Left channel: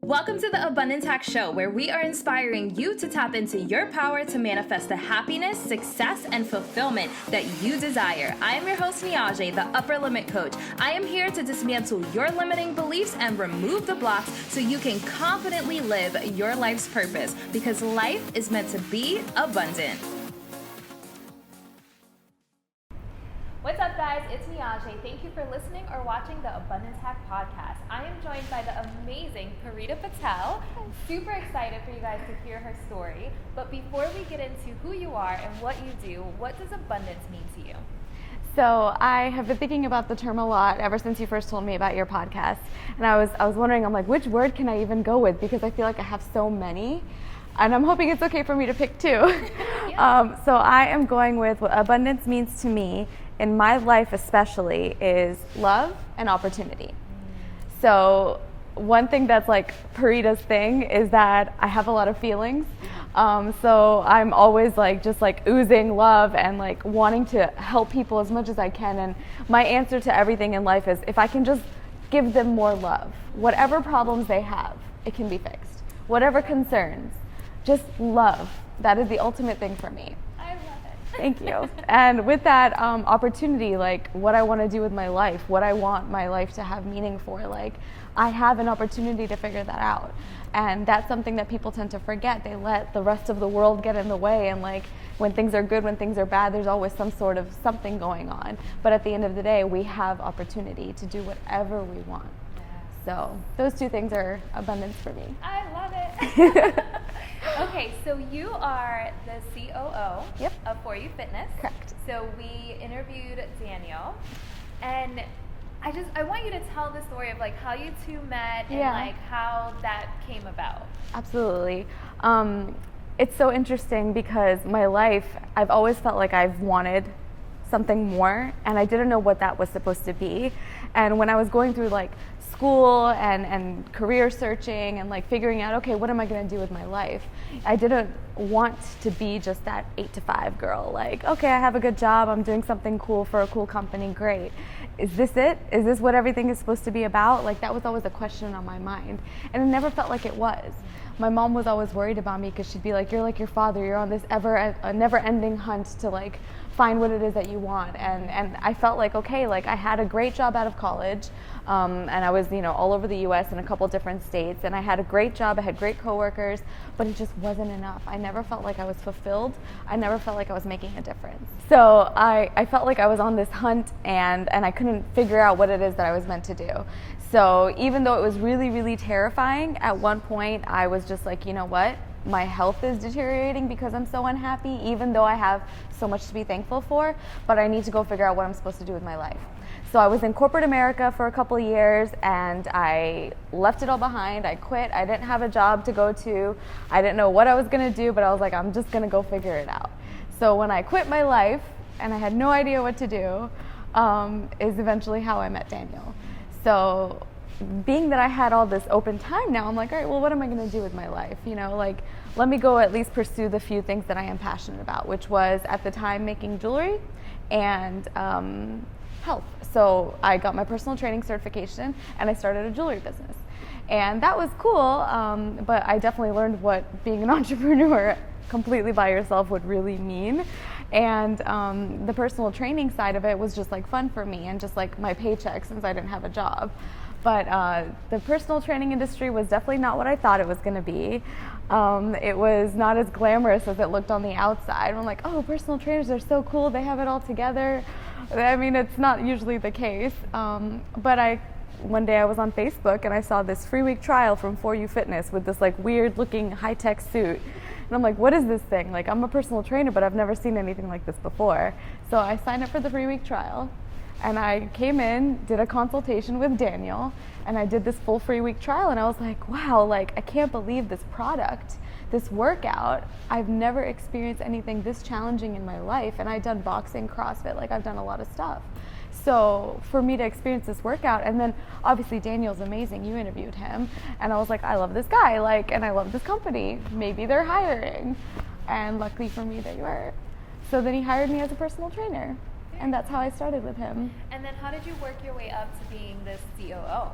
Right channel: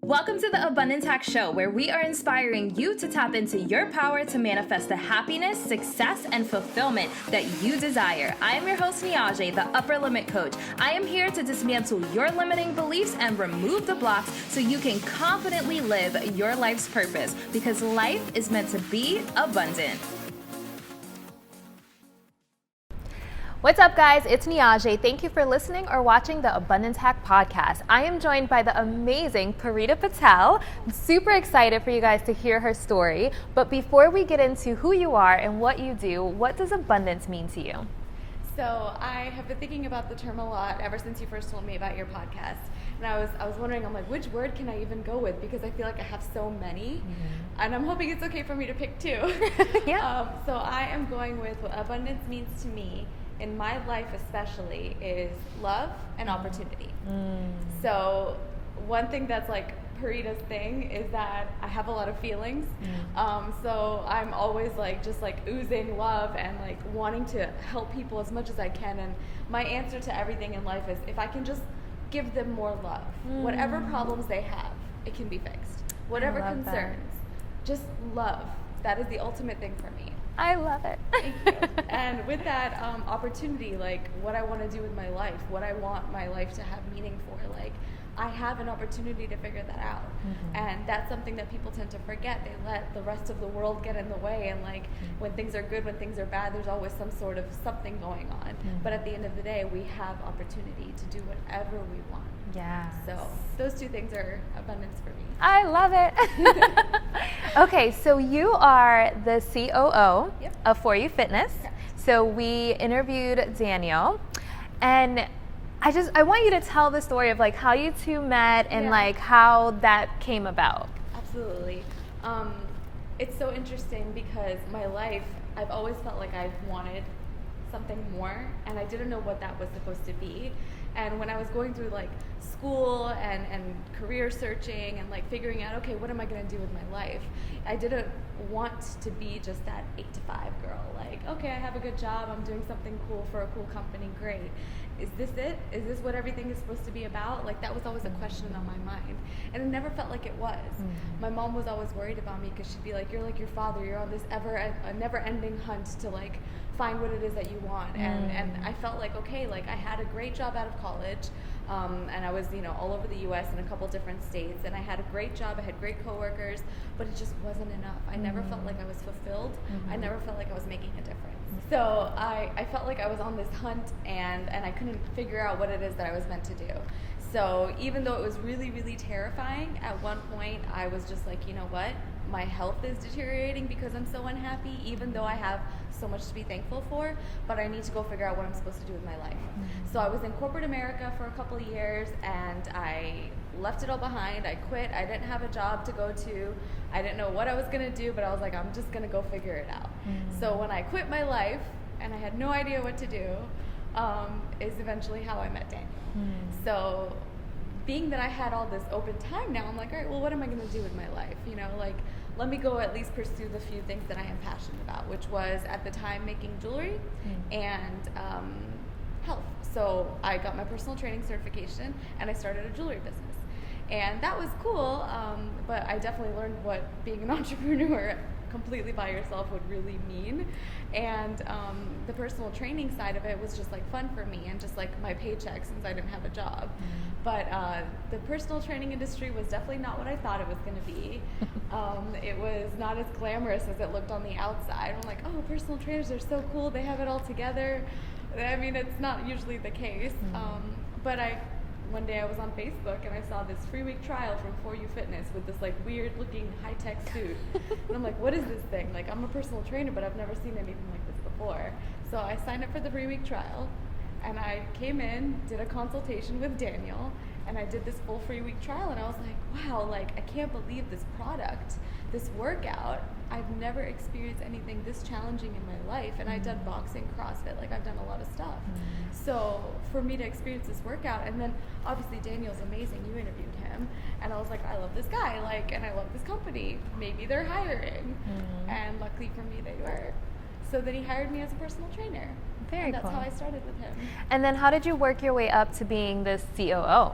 Welcome to the Abundance Hack Show, where we are inspiring you to tap into your power to manifest the happiness, success, and fulfillment that you desire. I am your host, Niajae, the Upper Limit Coach. I am here to dismantle your limiting beliefs and remove the blocks so you can confidently live your life's purpose, because life is meant to be abundant. What's up, guys? It's Niajae. Thank you for listening or watching the Abundance Hack podcast. I am joined by the amazing Parita Patel. I'm super excited for you guys to hear her story. But before we get into who you are and what you do, what does abundance mean to you? So I have been thinking about the term a lot ever since you first told me about your podcast. And I was wondering, I'm like, which word can I even go with? Because I feel like I have so many. And I'm hoping it's okay for me to pick two. Yeah. So I am going with what abundance means to me in my life especially is love and opportunity. So one thing that's like Parita's thing is that I have a lot of feelings. So I'm always like just like oozing love and like wanting to help people as much as I can. And my answer to everything in life is if I can just give them more love, whatever problems they have, it can be fixed. Whatever concerns, just love. That is the ultimate thing for me. I love it. Thank you. And with that opportunity, like what I want to do with my life, what I want my life to have meaning for, like I have an opportunity to figure that out. And that's something that people tend to forget. They let the rest of the world get in the way, and like when things are good, when things are bad, there's always some sort of something going on. But at the end of the day, we have opportunity to do whatever we want. Yeah. So those two things are abundance for me. I love it. Okay, so you are the COO of For You Fitness. Correct. So we interviewed Daniel, and I want you to tell the story of like how you two met and like how that came about. Absolutely. It's so interesting because my life, I've always felt like I've wanted something more, and I didn't know what that was supposed to be. And when I was going through like school and career searching and like figuring out, okay, what am I going to do with my life? I didn't want to be just that 8 to 5 girl. Like, okay, I have a good job. I'm doing something cool for a cool company. Great. Is this it? Is this what everything is supposed to be about? Like that was always a question on my mind. And it never felt like it was. My mom was always worried about me because she'd be like, you're like your father. You're on this never-ending hunt to like find what it is that you want. And I felt like, okay, like I had a great job out of college. And I was, all over the U.S. in a couple different states, and I had a great job. I had great coworkers, but it just wasn't enough. I never felt like I was fulfilled. I never felt like I was making a difference. So I felt like I was on this hunt, and I couldn't figure out what it is that I was meant to do. So even though it was really, really terrifying, at one point I was just like, you know what? My health is deteriorating because I'm so unhappy, even though I have so much to be thankful for, but I need to go figure out what I'm supposed to do with my life. So I was in corporate America for a couple of years, and I left it all behind. I quit. I didn't have a job to go to. I didn't know what I was going to do, but I was like, I'm just going to go figure it out. So when I quit my life, and I had no idea what to do, is eventually how I met Daniel. So being that I had all this open time now, I'm like, all right, well, what am I going to do with my life? Like, let me go at least pursue the few things that I am passionate about, which was at the time making jewelry and health. So I got my personal training certification, and I started a jewelry business. And that was cool, but I definitely learned what being an entrepreneur completely by yourself would really mean. And the personal training side of it was just like fun for me and just like my paycheck since I didn't have a job. But the personal training industry was definitely not what I thought it was going to be. It was not as glamorous as it looked on the outside. I'm like, oh, personal trainers are so cool. They have it all together. I mean, it's not usually the case. But one day I was on Facebook and I saw this free week trial from For You Fitness with this like weird looking high-tech suit. And I'm like, what is this thing? Like, I'm a personal trainer, but I've never seen anything like this before. So I signed up for the free week trial, and I came in, did a consultation with Daniel, and I did this full free week trial, and I was like, wow, like I can't believe this product, this workout. I've never experienced anything this challenging in my life, and I've done boxing, CrossFit, like I've done a lot of stuff. So for me to experience this workout, and then obviously Daniel's amazing, you interviewed him, and I was like, I love this guy, like, and I love this company, maybe they're hiring. And luckily for me, they were. So then he hired me as a personal trainer. Very and that's cool. how I started with him. And then how did you work your way up to being the COO?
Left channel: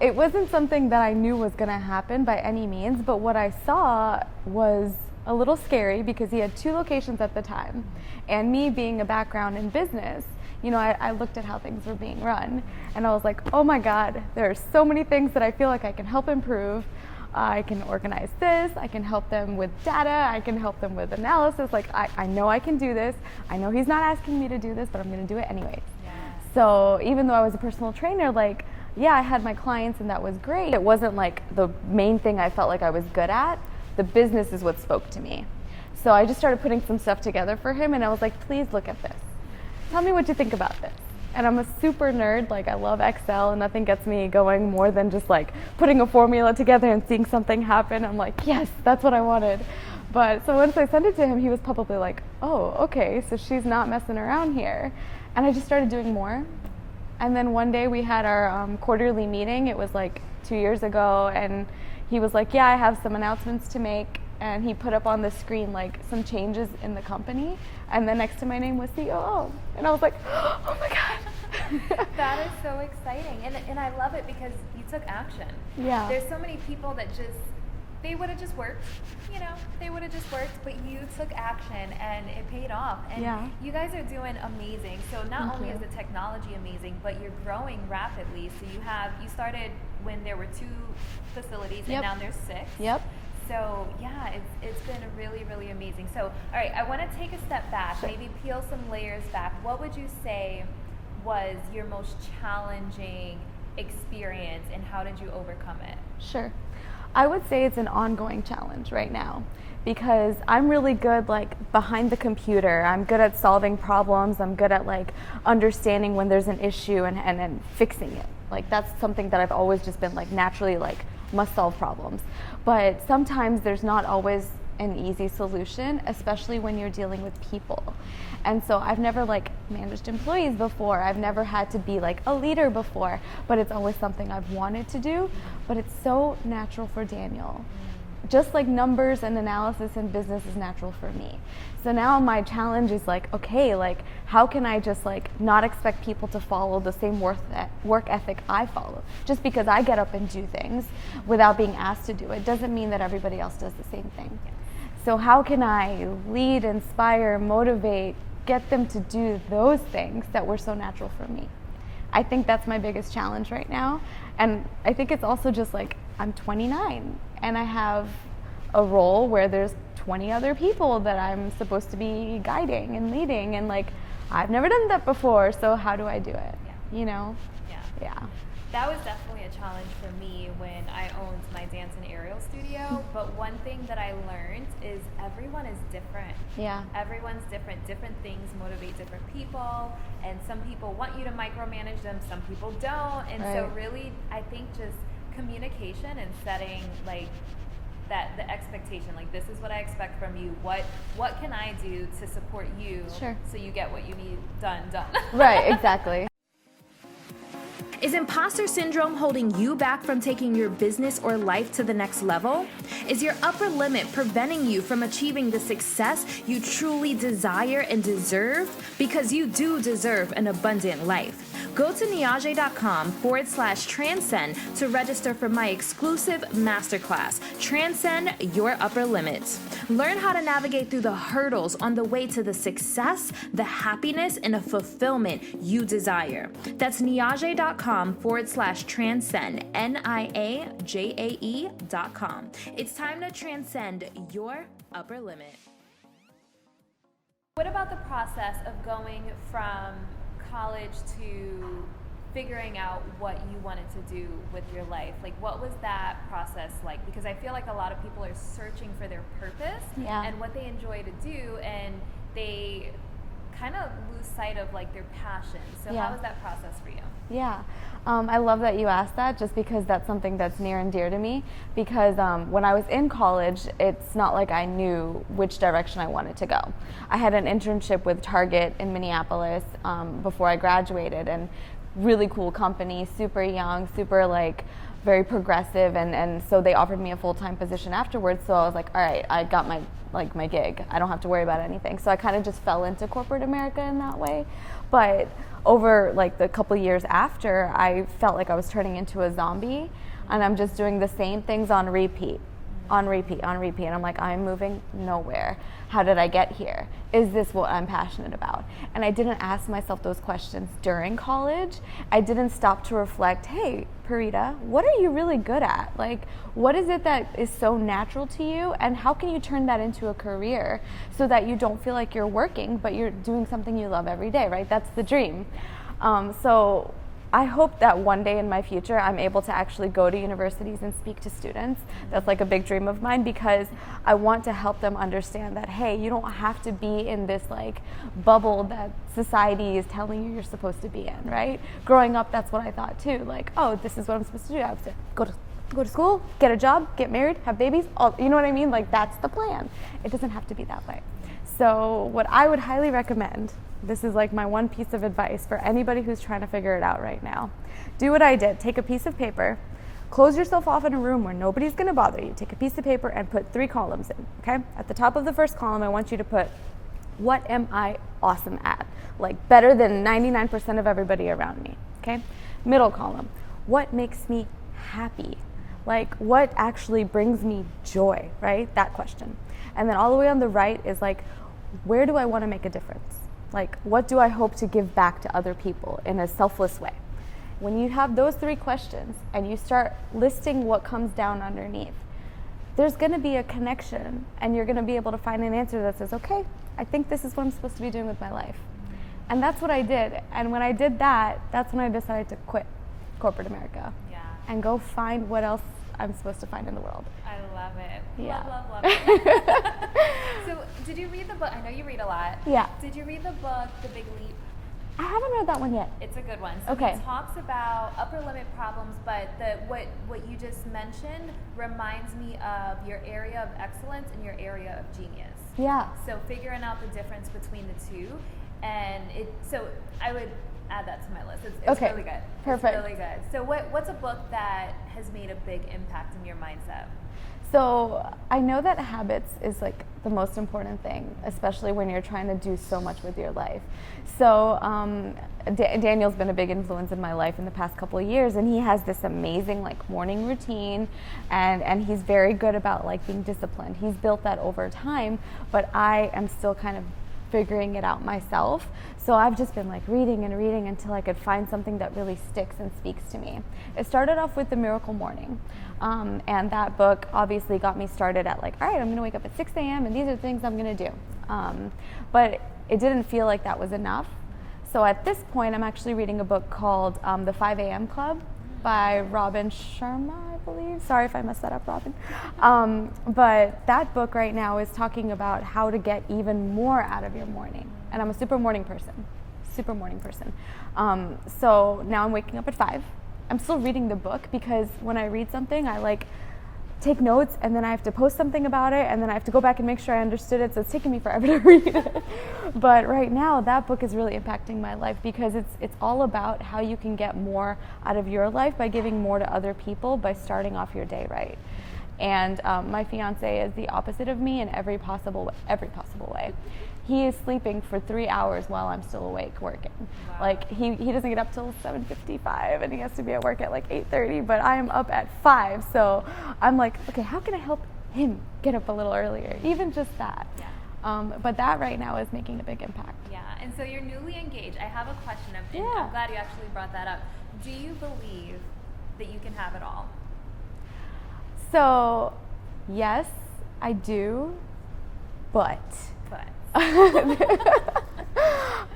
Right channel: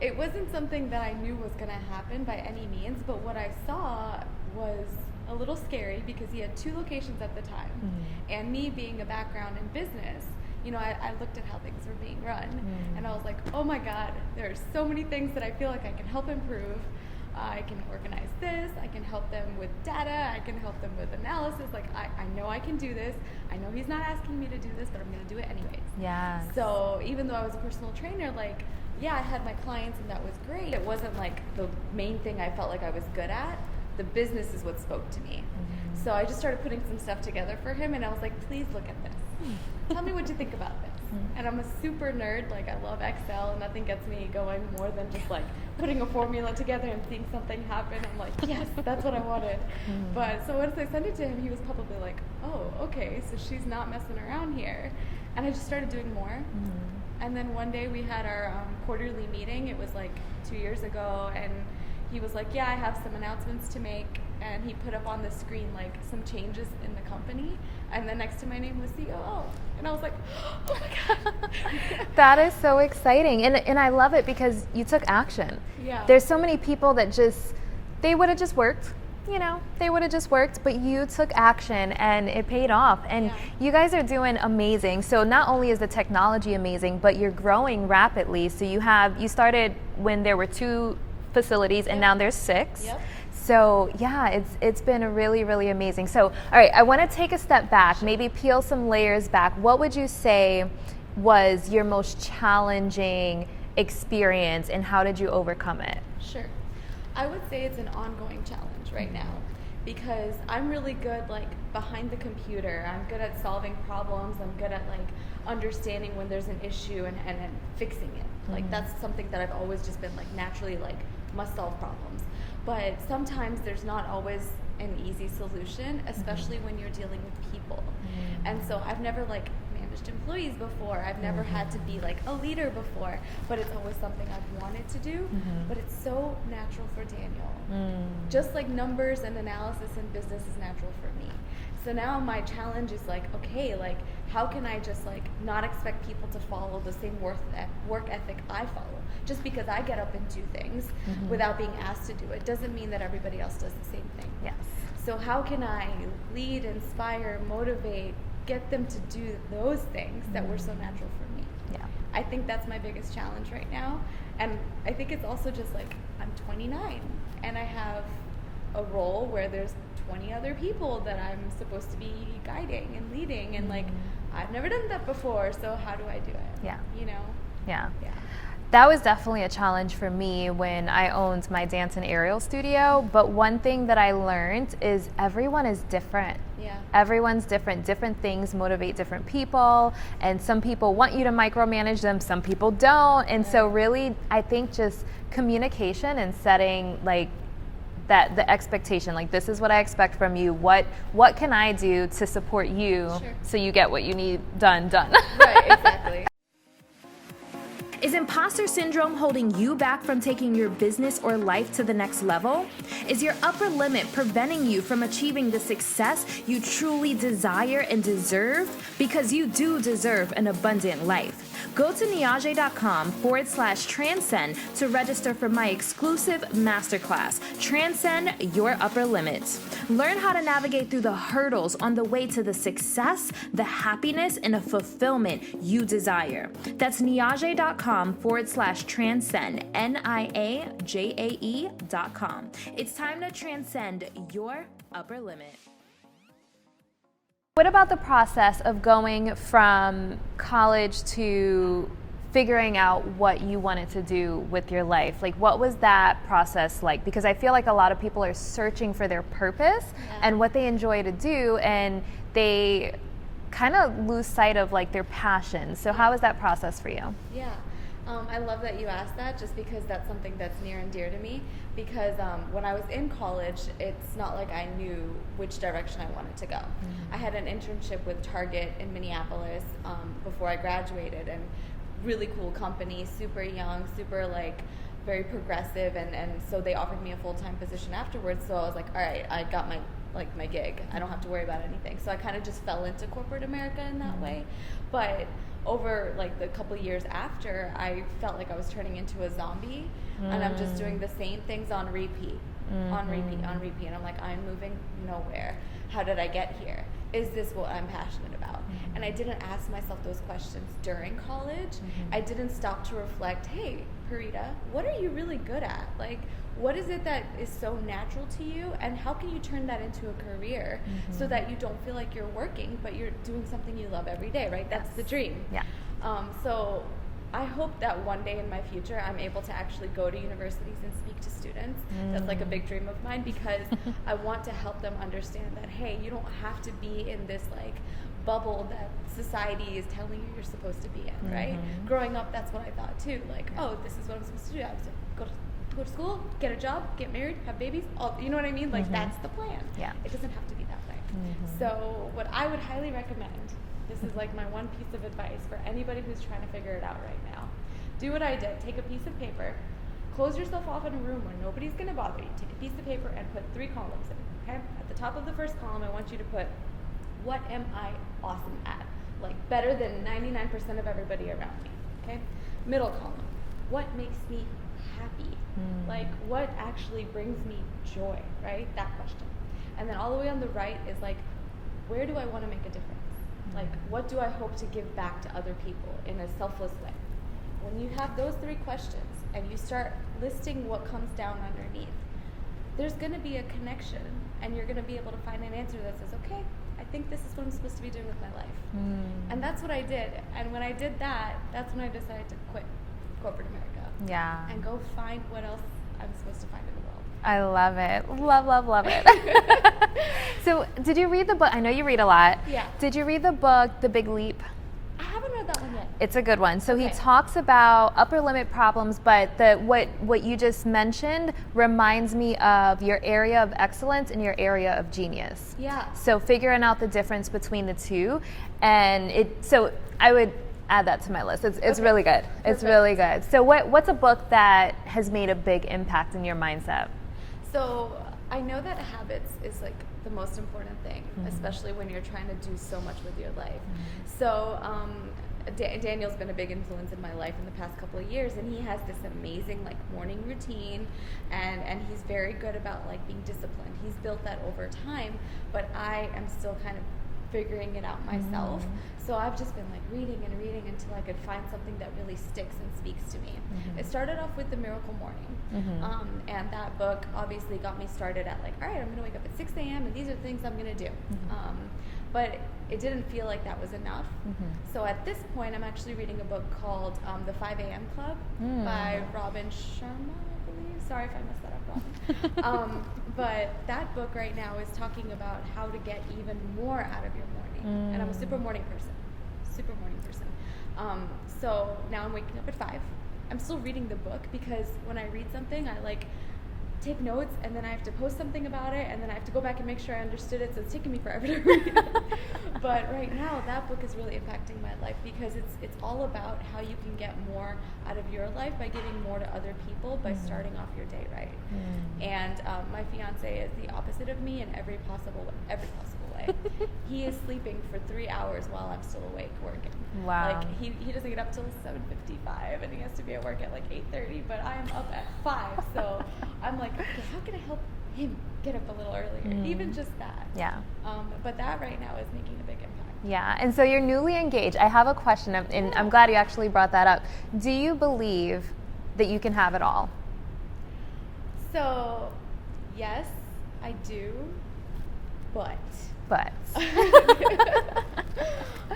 It wasn't something that I knew was going to happen by any means, but what I saw was a little scary because he had 2 locations at the time. And me being a background in business, you know, I looked at how things were being run and I was like, oh my God, there are so many things that I feel like I can help improve. I can organize this, I can help them with data, I can help them with analysis. Like, I know I can do this. I know he's not asking me to do this, but I'm going to do it anyways. Yeah. So even though I was a personal trainer, like, yeah, I had my clients and that was great. It wasn't like the main thing I felt like I was good at. The business is what spoke to me. So I just started putting some stuff together for him and I was like, please look at this. Tell me what you think about this. And I'm a super nerd, like I love Excel and nothing gets me going more than just like putting a formula together and seeing something happen. I'm like, yes, that's what I wanted. But so once I sent it to him, he was probably like, oh, okay, so she's not messing around here. And I just started doing more. And then one day we had our quarterly meeting. It was like 2 years ago. And he was like, yeah, I have some announcements to make. And he put up on the screen like some changes in the company. And then next to my name was COO. And I was like, oh my God. That is so exciting. And I love it because you took action. Yeah. There's so many people that they would have just worked. You know, they would have just worked, but you took action and it paid off. And you guys are doing amazing. So not only is the technology amazing, but you're growing rapidly. So you started when there were 2 facilities and now there's 6. Yep. So yeah, it's been really, really amazing. So all right, I want to take a step back, maybe peel some layers back. What would you say was your most challenging experience and how did you overcome it? Sure. I would say it's an ongoing challenge right now because I'm really good like behind the computer. I'm good at solving problems. I'm good at like understanding when there's an issue and fixing it. Like that's something that I've always just been like naturally like must solve problems. But sometimes there's not always an easy solution, especially when you're dealing with people. And so I've never like managed employees before. I've never had to be like a leader before, but it's always something I've wanted to do. But it's so natural for Daniel. Just like numbers and analysis in business is natural for me. So now my challenge is like, okay, like how can I just like not expect people to follow the same work ethic I follow? Just because I get up and do things without being asked to do it doesn't mean that everybody else does the same thing. Yes. So how can I lead, inspire, motivate, get them to do those things that were so natural for me? Yeah. I think that's my biggest challenge right now. And I think it's also just like I'm 29 and I have a role where there's 20 other people that I'm supposed to be guiding and leading and like I've never done that before, so how do I do it? Yeah. You know? Yeah. Yeah. That was definitely a challenge for me when I owned my dance and aerial studio. But one thing that I learned is everyone is different. Yeah. Everyone's different. Different things motivate different people. And some people want you to micromanage them, some people don't. And so really, I think just communication and setting like that the expectation, like this is what I expect from you. What can I do to support you so you get what you need done? Right, exactly. Is imposter syndrome holding you back from taking your business or life to the next level? Is your upper limit preventing you from achieving the success you truly desire and deserve? Because you do deserve an abundant life. Go to Niajae.com/transcend to register for my exclusive masterclass, Transcend Your Upper Limits. Learn how to navigate through the hurdles on the way to the success, the happiness, and the fulfillment you desire. That's Niajae.com/transcend, NIAJAE.com. It's time to transcend your upper limit. What about the process of going from college to figuring out what you wanted to do with your life? Like, what was that process like? Because I feel like a lot of people are searching for their purpose and what they enjoy to do, and they kind of lose sight of like their passion. So how was that process for you? Yeah. I love that you asked that just because that's something that's near and dear to me because when I was in college, it's not like I knew which direction I wanted to go. I had an internship with Target in Minneapolis before I graduated, and really cool company, super young, super like very progressive, and so they offered me a full-time position afterwards. So I was like, all right, I got my gig. I don't have to worry about anything. So I kind of just fell into corporate America in that way. But over like the couple years after, I felt like I was turning into a zombie, and I'm just doing the same things on repeat, on repeat, on repeat. And I'm like, I'm moving nowhere. How did I get here? Is this what I'm passionate about? And I didn't ask myself those questions during college. I didn't stop to reflect, hey, Parita, what are you really good at? Like, what is it that is so natural to you? And how can you turn that into a career so that you don't feel like you're working, but you're doing something you love every day, right? That's the dream. Yeah. So I hope that one day in my future I'm able to actually go to universities and speak to students. That's like a big dream of mine, because I want to help them understand that, hey, you don't have to be in this like bubble that society is telling you you're supposed to be in, right? Growing up, that's what I thought too. Like, oh, this is what I'm supposed to do. I have to go to school, get a job, get married, have babies, all, you know what I mean? Like that's the plan. Yeah. It doesn't have to be that way. So what I would highly recommend, this is like my one piece of advice for anybody who's trying to figure it out right now. Do what I did. Take a piece of paper, close yourself off in a room where nobody's going to bother you. Take a piece of paper and put 3 columns in, okay? At the top of the first column, I want you to put, what am I awesome at? Like better than 99% of everybody around me, okay? Middle column, what makes me happy? Like what actually brings me joy, right? That question. And then all the way on the right is like, where do I want to make a difference? Like, what do I hope to give back to other people in a selfless way? When you have those 3 questions and you start listing what comes down underneath, there's going to be a connection, and you're going to be able to find an answer that says, okay, I think this is what I'm supposed to be doing with my life. And that's what I did. And when I did that, that's when I decided to quit corporate America. Yeah. And go find what else I'm supposed to find in the world. I love it. Love it. So did you read the book? I know you read a lot. Yeah. Did you read the book, The Big Leap? I haven't read that one yet. It's a good one. So Okay. he talks about upper limit problems, but what you just mentioned reminds me of your area of excellence and your area of genius. Yeah. So figuring out the difference between the two, and so I would add that to my list. It's Okay. really good. It's Perfect. really good. So what's a book that has made a big impact in your mindset? So I know that habits is like the most important thing, especially when you're trying to do so much with your life. So Daniel's been a big influence in my life in the past couple of years, and he has this amazing like morning routine, and he's very good about like being disciplined. He's built that over time, but I am still kind of figuring it out myself. So I've just been like reading and reading until I could find something that really sticks and speaks to me. It started off with The Miracle Morning. And that book obviously got me started at like, all right, I'm going to wake up at 6 a.m. and these are the things I'm going to do. But it didn't feel like that was enough. So at this point, I'm actually reading a book called The 5 a.m. Club by Robin Sharma, I believe. Sorry if I messed that up, Robin. But that book right now is talking about how to get even more out of your morning. And I'm a super morning person. So now I'm waking up at 5. I'm still reading the book because when I read something, I like take notes, and then I have to post something about it, and then I have to go back and make sure I understood it, so it's taking me forever to read it. But right now, that book is really impacting my life because it's all about how you can get more out of your life by giving more to other people by starting off your day right. And my fiance is the opposite of me in every possible way. He is sleeping for 3 hours while I'm still awake working. Wow. Like he doesn't get up till 7:55, and he has to be at work at like 8:30. But I am up at 5, so I'm like, okay, how can I help him get up a little earlier? Even just that. Yeah. But that right now is making a big impact. Yeah, and so you're newly engaged. I have a question, and I'm glad you actually brought that up. Do you believe that you can have it all? So, yes, I do, but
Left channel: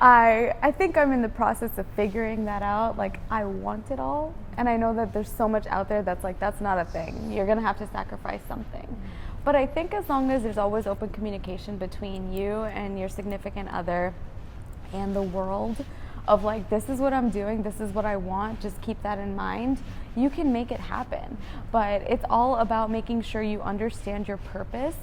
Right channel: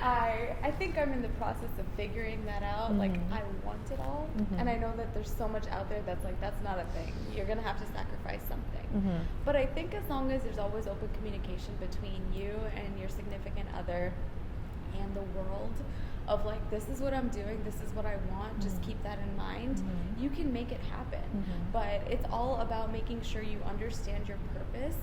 I think I'm in the process of figuring that out. Like, I want it all, and I know that there's so much out there that's like, that's not a thing. You're gonna have to sacrifice something. But I think as long as there's always open communication between you and your significant other and the world, of like, this is what I'm doing, this is what I want, just keep that in mind, you can make it happen. But it's all about making sure you understand your purpose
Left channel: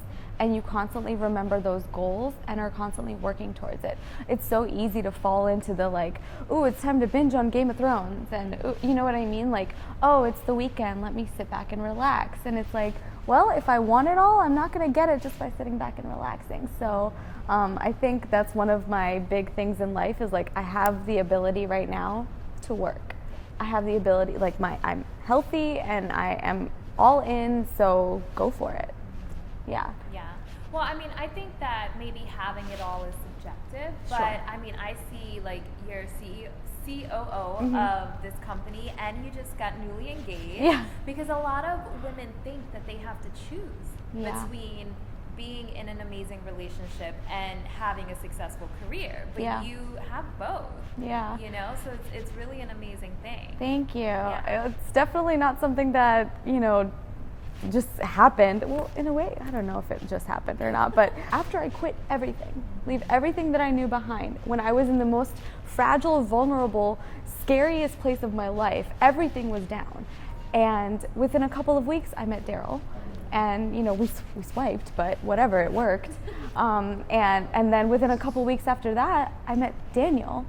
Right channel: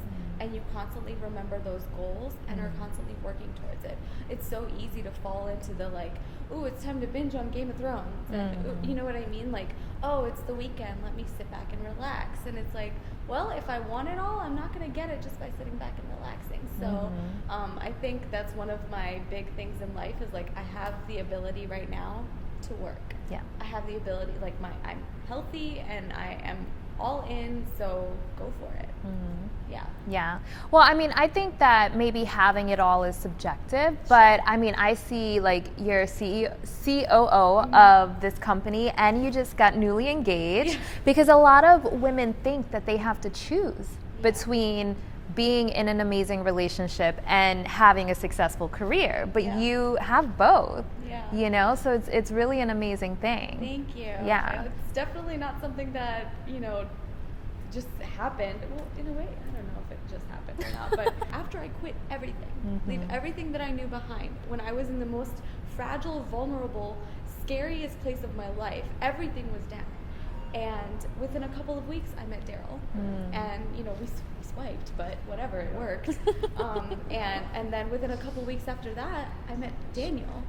and you constantly remember those goals and are constantly working towards it. It's so easy to fall into the like, ooh, it's time to binge on Game of Thrones, and ooh, you know what I mean? Like, oh, it's the weekend, let me sit back and relax. And it's like, well, if I want it all, I'm not going to get it just by sitting back and relaxing. So I think that's one of my big things in life is like I have the ability right now to work. Yeah. I have the ability, like I'm healthy and I am all in, so go for it. Yeah. Yeah. Well, I mean, I think that maybe having it all is subjective, but I mean, I see like you're COO of this company and you just got newly engaged because a lot of women think that they have to choose between being in an amazing relationship and having a successful career, but you have both. Yeah. You know, so it's really an amazing thing. Thank you. Yeah. It's definitely not something that, you know, just happened. Well, in a way, I don't know if it just happened or not, but after I quit everything, leave everything that I knew behind, when I was in the most fragile, vulnerable, scariest place of my life, everything was down. And within a couple of weeks, I met Daryl, and you know we swiped, but whatever, it worked. And then within a couple of weeks after that, I met Daniel.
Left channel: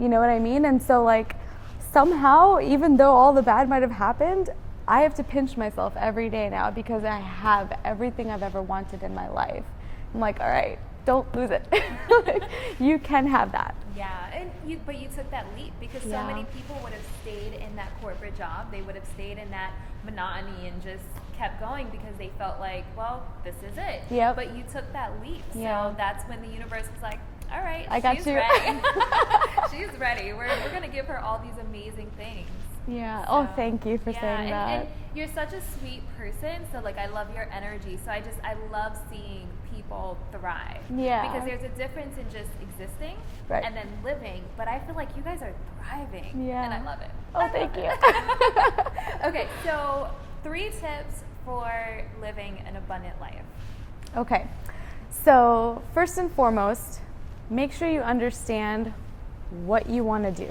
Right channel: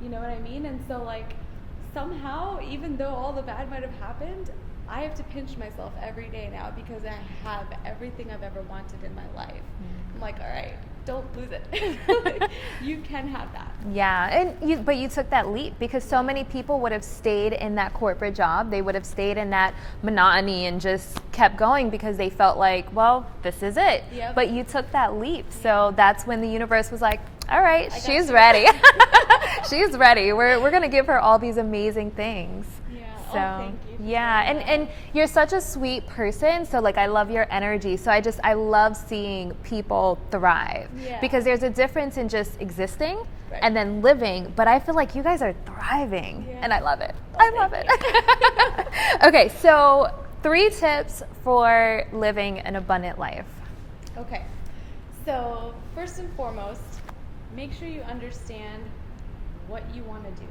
You know what I mean? And so like somehow, even though all the bad might have happened, I have to pinch myself every day now because I have everything I've ever wanted in my life. I'm like, all right, don't lose it. You can have that. Yeah, but you took that leap because so many people would have stayed in that corporate job. They would have stayed in that monotony and just kept going because they felt like, well, this is it. Yep. But you took that leap. So that's when the universe was like, all right, she's ready. She's ready. We're going to give her all these amazing things. Yeah. So, oh, thank you for saying that. And you're such a sweet person. So like, I love your energy. So I love seeing people thrive. Yeah. Because there's a difference in just existing and then living. But I feel like you guys are thriving, and I love it. Oh, I love it. Okay, so 3 tips for living an abundant life. Okay. So first and foremost, make sure you understand what you want to do.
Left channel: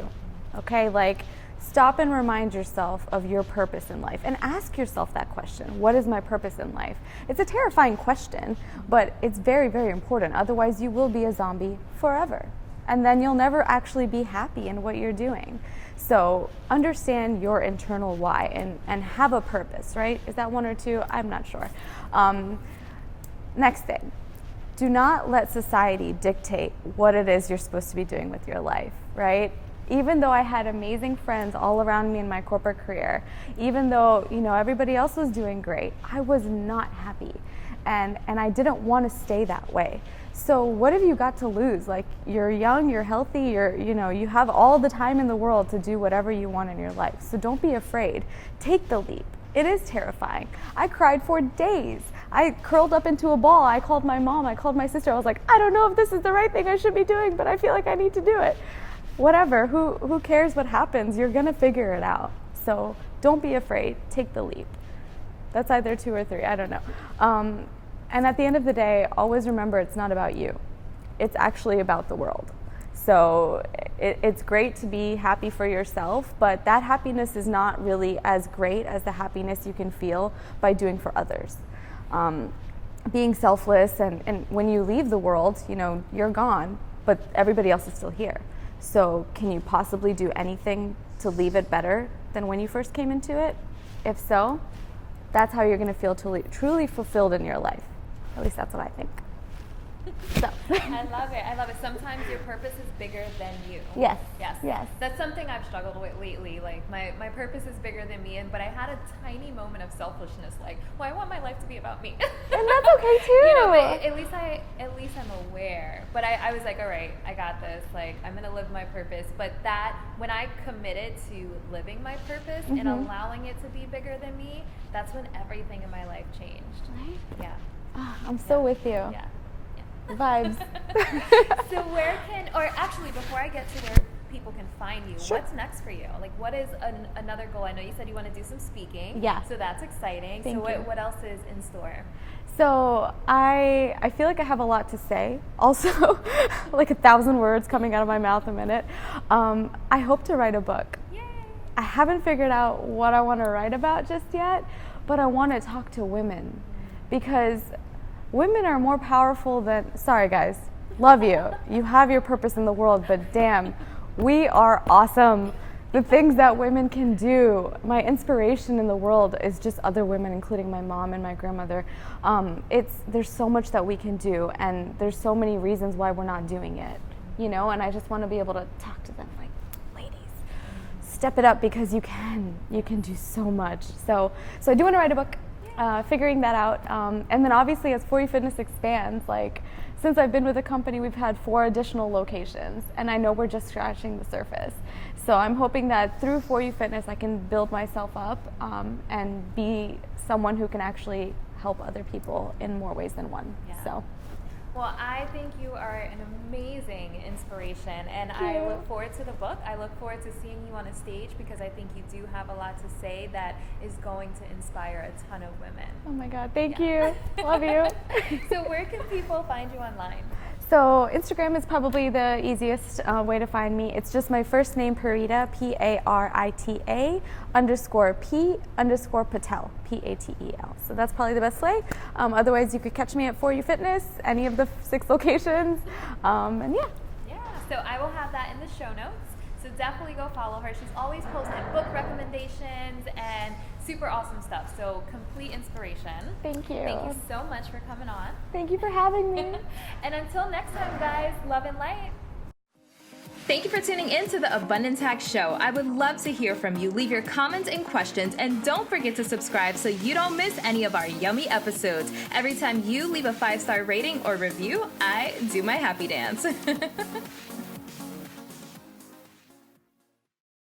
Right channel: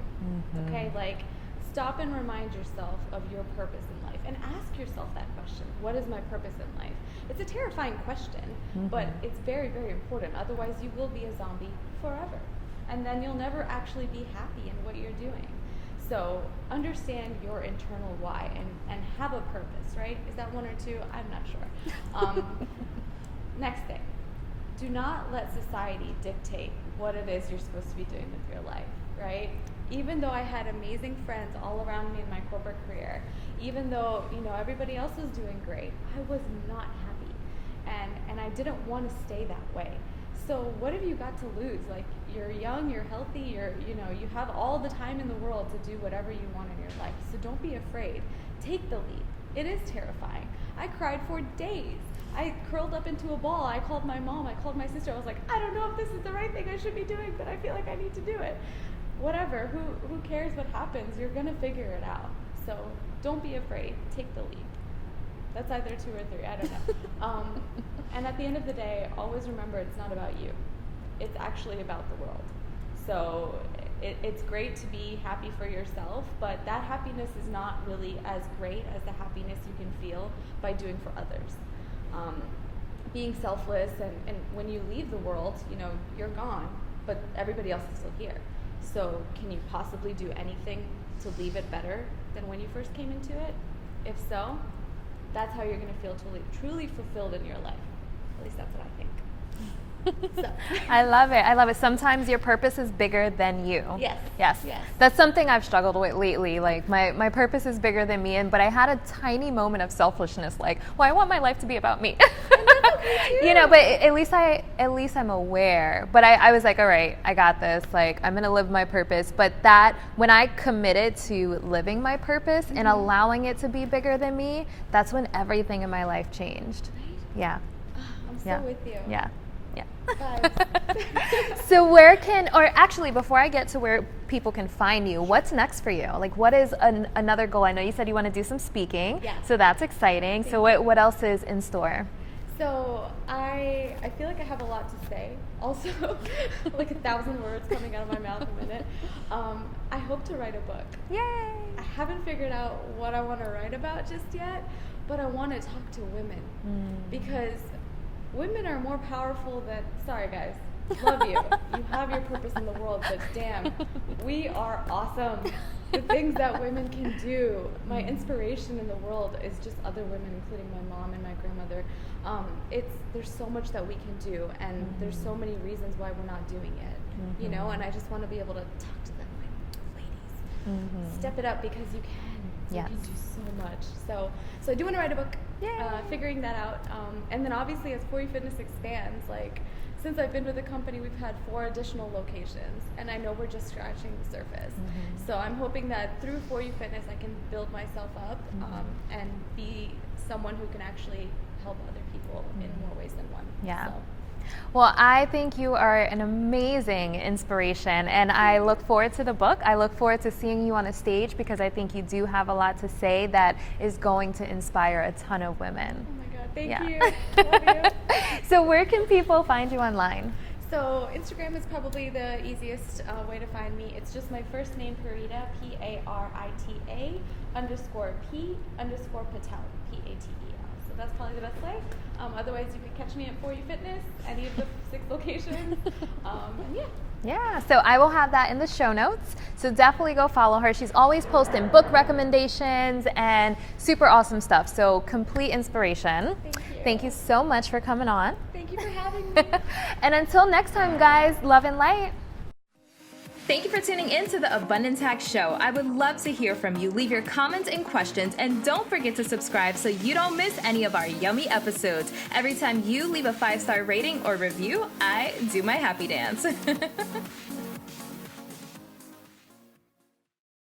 Okay, like stop and remind yourself of your purpose in life and ask yourself that question. What is my purpose in life? It's a terrifying question, but it's very, very important. Otherwise, you will be a zombie forever. And then you'll never actually be happy in what you're doing. So understand your internal why and have a purpose, right? Is that 1 or 2? I'm not sure. Next thing. Do not let society dictate what it is you're supposed to be doing with your life, right? Even though I had amazing friends all around me in my corporate career, even though, you know, everybody else was doing great, I was not happy. And I didn't want to stay that way. So what have you got to lose? Like, you're young, you're healthy, you have all the time in the world to do whatever you want in your life. So don't be afraid. Take the leap. It is terrifying. I cried for days. I curled up into a ball. I called my mom. I called my sister. I was like, I don't know if this is the right thing I should be doing, but I feel like I need to do it. Whatever. Who cares what happens? You're going to figure it out. So don't be afraid. Take the leap. That's either 2 or 3. I don't know. And at the end of the day, always remember it's not about you. It's actually about the world. So it's great to be happy for yourself, but that happiness is not really as great as the happiness you can feel by doing for others. Being selfless, and when you leave the world, you're gone, but everybody else is still here. So can you possibly do anything to leave it better than when you first came into it? If so, that's how you're going to feel truly fulfilled in your life. At least that's what I think. I love it. I love it. Sometimes your purpose is bigger than you. Yes. Yes. Yes. That's something I've struggled with lately. Like my purpose is bigger than me, but I had a tiny moment of selfishness. Like, well, I want my life to be about me. And that's okay too. But at least I'm aware. But I was like, all right, I got this. Like, I'm gonna live my purpose. But when I committed to living my purpose and allowing it to be bigger than me, that's when everything in my life changed. Right? Yeah. I'm so with you. Yeah. Vibes. So before I get to where people can find you, what's next for you? Like, what is another goal? I know you said you want to do some speaking. Yeah. So that's exciting. Thank you. So what else is in store? So I feel like I have a lot to say. Also, like 1,000 words coming out of my mouth a minute. I hope to write a book. Yay! I haven't figured out what I want to write about just yet, but I want to talk to women because women are more powerful than, sorry guys, love you. You have your purpose in the world, but damn, we are awesome. The things that women can do. My inspiration in the world is just other women, including my mom and my grandmother. There's so much that we can do, and there's so many reasons why we're not doing it, you know, and I just want to be able to talk to them like, ladies, step it up because you can. You can do so much. So I do want to write a book, figuring that out. And then obviously as For You Fitness expands, like, since I've been with the company, we've had 4 additional locations, and I know we're just scratching the surface. So I'm hoping that through For You Fitness, I can build myself up and be someone who can actually help other people in more ways than one. Yeah. So. Well, I think you are an amazing inspiration, and I look forward to the book. I look forward to seeing you on a stage because I think you do have a lot to say that is going to inspire a ton of women. Oh my God, thank you. Love you. So where can people find you online? So Instagram is probably the easiest way to find me. It's just my first name, Parita, Parita _P_Patel, Patel. So that's probably the best way. Otherwise, you could catch me at For You Fitness, any of the 6 locations, and yeah. Yeah, so I will have that in the show notes. So definitely go follow her. She's always posting book recommendations and super awesome stuff. So complete inspiration. Thank you. Thank you so much for coming on. Thank you for having me. And until next time, guys, love and light. Thank you for tuning in to the Abundance Hack Show. I would love to hear from you. Leave your comments and questions, and don't forget to subscribe so you don't miss any of our yummy episodes. Every time you leave a 5-star rating or review, I do my happy dance.